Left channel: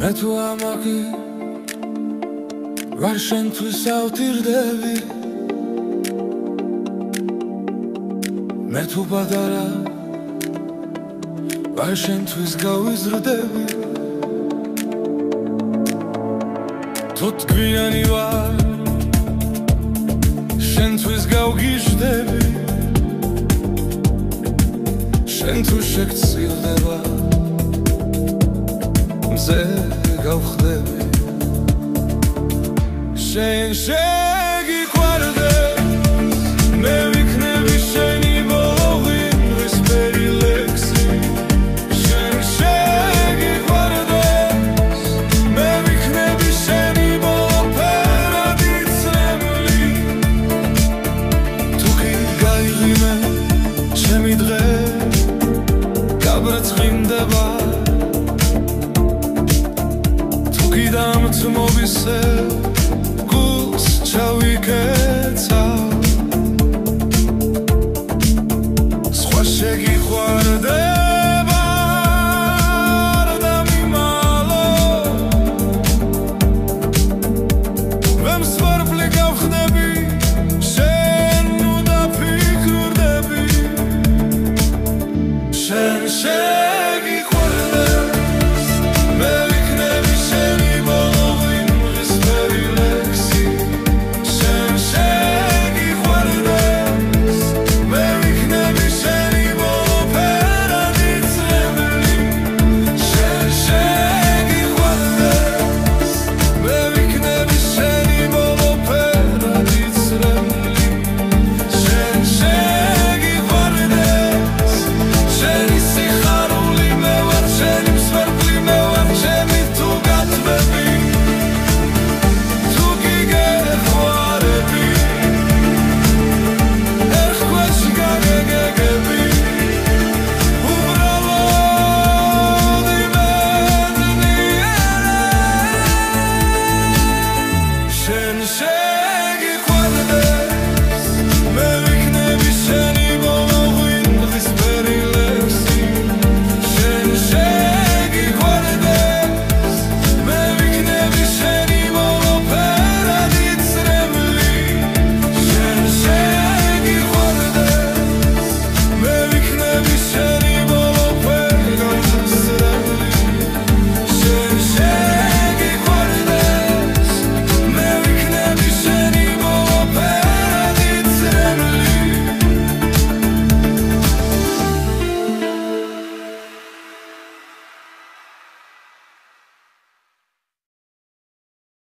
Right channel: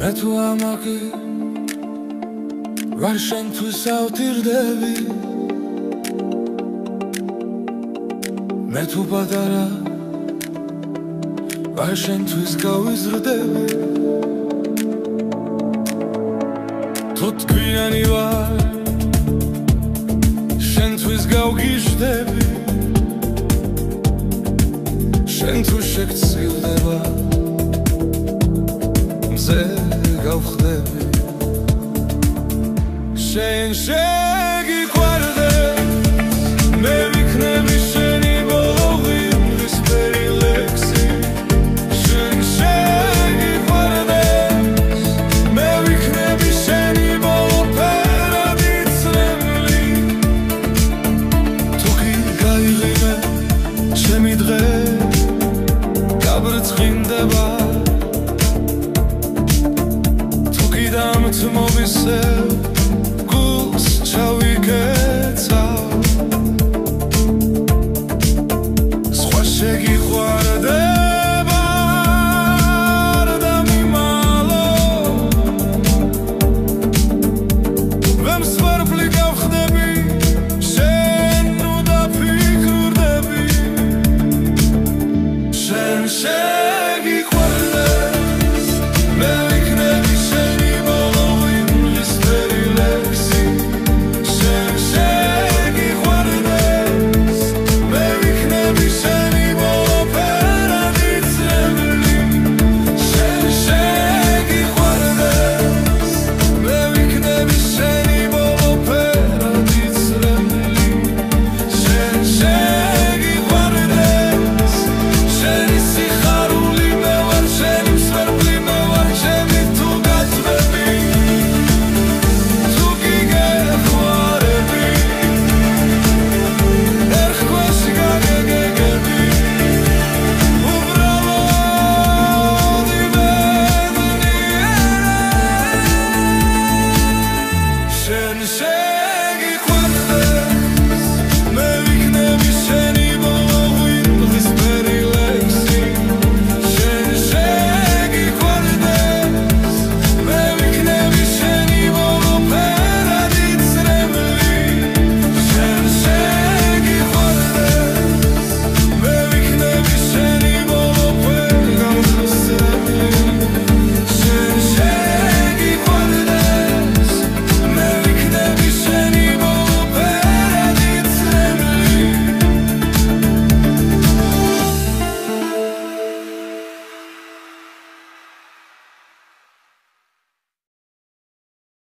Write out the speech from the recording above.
მე თუ ამაყი ვარ შენთვის ავთირდები მე თუ პატარა ვარ შენთვის გავიზრდები თუ თქვიანი ვარ შენთვის გავგიჟდები შენ თუ შეგწირდება მზე გავხდები შენ შეგიყვარდეს მე ვიქნები შენი ბოლო ღიმღისფერი ლექსი შენ შეგიყვარდეს მე ვიქნები შენი ბოლო ფერადი წრემლი თუ კი გაიღიმე ჩემი დღე გაბრწყინდება დამწმობისევ გულს ჩავიკეცავ სხვა შეგიყვარდეს